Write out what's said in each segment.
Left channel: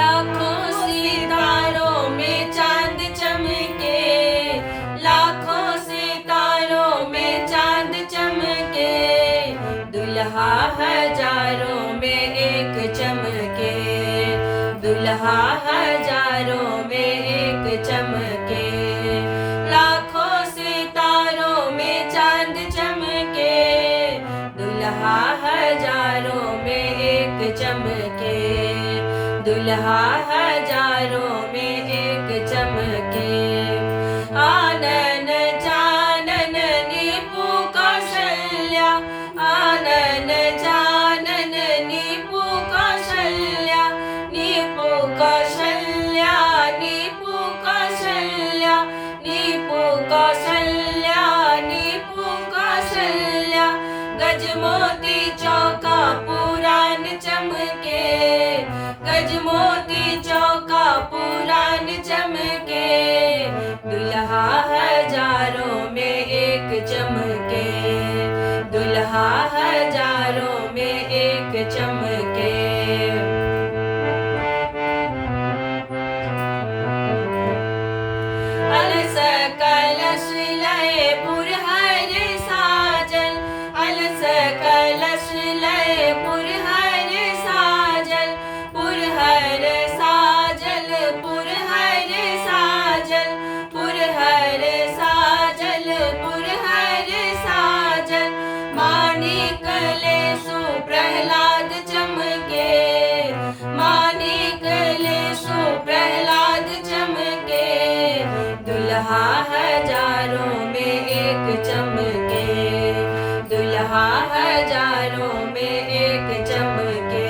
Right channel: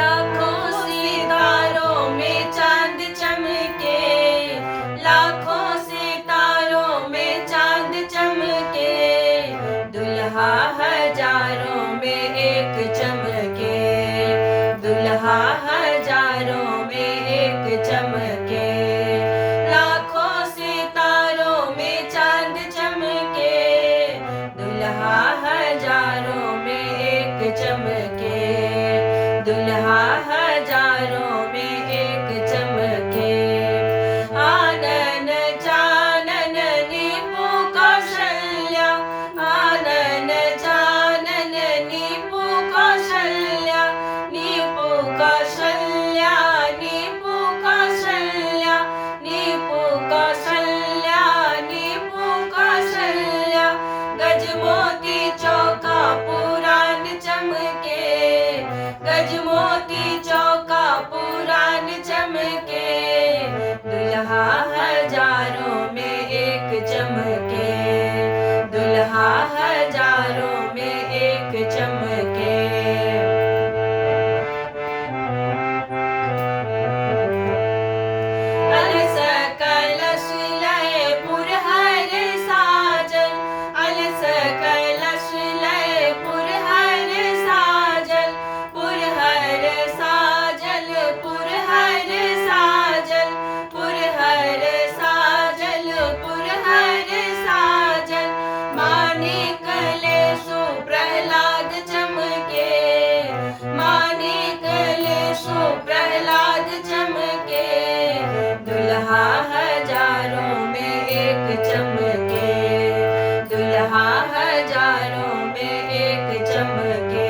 लाखों सितारों में चांद चमके, लाखों सितारों में चांद चमके, दुल्हा हजारों में एक चमके, दुल्हा हजारों में एक चमके। लाखों सितारों में चांद चमके, दुल्हा हजारों में एक चमके, दुल्हा हजारों में एक चमके। आनन जानन नीपु कौशल्या, आनन जानन नीपु कौशल्या, नीपु कौशल्या, नीपु कौशल्या, नीपु कौशल्या, नीपु कौशल्या। गजमोती चौका पुरान चमके, गजमोती चौका पुरान चमके, दुल्हा हजारों में एक चमके, दुल्हा हजारों में एक चमके। अलस कलश लय पुरहर साजल, अलस कलश लय पुरहर साजल, पुरहर साजल, पुरहर साजल, पुरहर साजल, पुरहर साजल। मानिक लेसु प्रहलाद चमके, मानिक लेसु प्रहलाद चमके, दुल्हा हजारों में एक चमके, दुल्हा हजारों में एक चमके।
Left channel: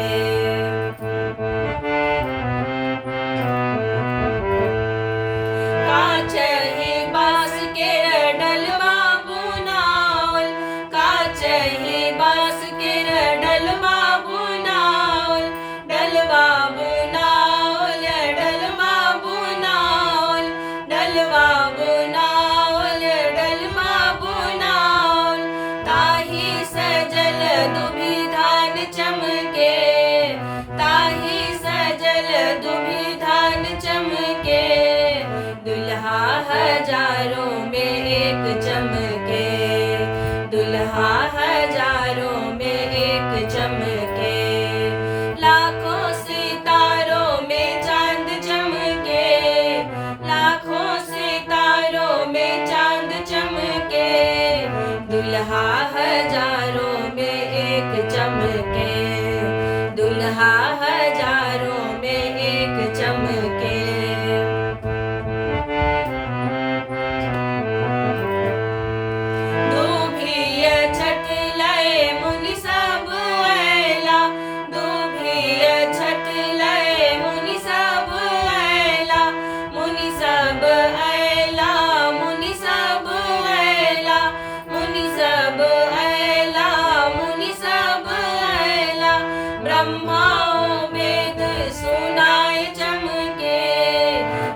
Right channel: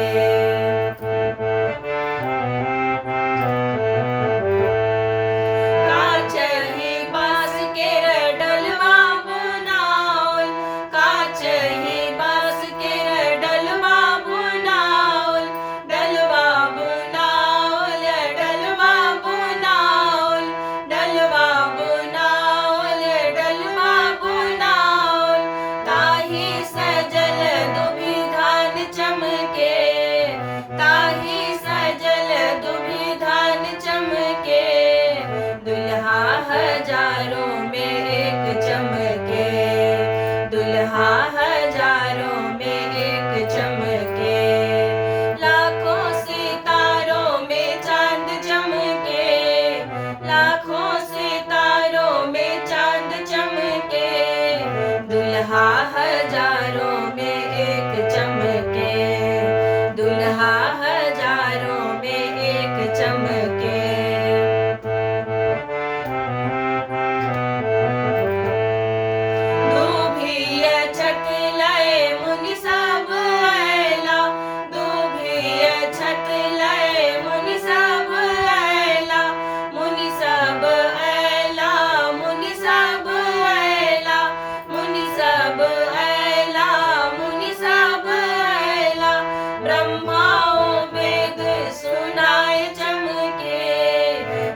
कांच ही बांस के डलवा बुनाओल, कांच ही बांस के डलवा बुनाओल, डलवा बुनाओल, डलवा बुनाओल, डलवा बुनाओल, डलवा बुनाओल। ताही सजल दुभिधान चमके, ताही सजल दुभिधान चमके, दुल्हा हजारों में एक चमके, दुल्हा हजारों में एक चमके। लाखों सितारों में चांद चमके, लाखों सितारों में चांद चमके, दुल्हा हजारों में एक चमके, दुल्हा हजारों में एक चमके। दूभिय छठ लय मुनि सब अयला, दूभिय छठ लय मुनि सब अयला, मुनि सब अयला, मुनि सब अयला, मुनि सब अयला, मुनि सब अयला। ब्रह्माओ वेद सुनाए चमके,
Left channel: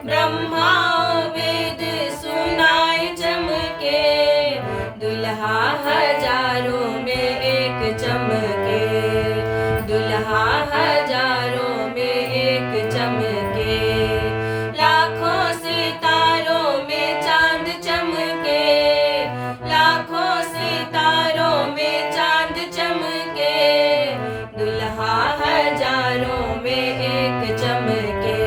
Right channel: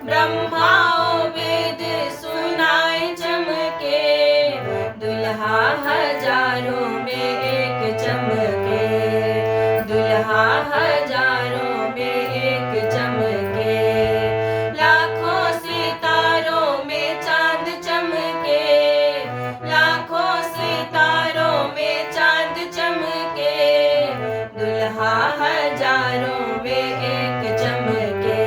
ब्रह्माओ वेद सुनाए चमके, दुल्हा हजारों में एक चमके, दुल्हा हजारों में एक चमके। लाखों सितारों में चांद चमके, लाखों सितारों में चांद चमके, दुल्हा हजारों में एक चमके,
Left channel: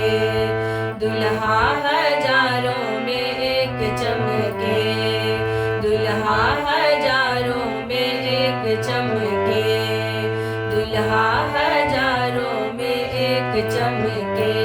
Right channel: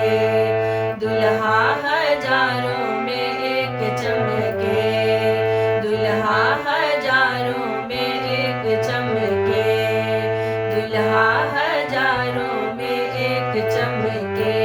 दुल्हा हजारों में एक चमके, दुल्हा हजारों में एक चमके, दुल्हा हजारों में एक चमके।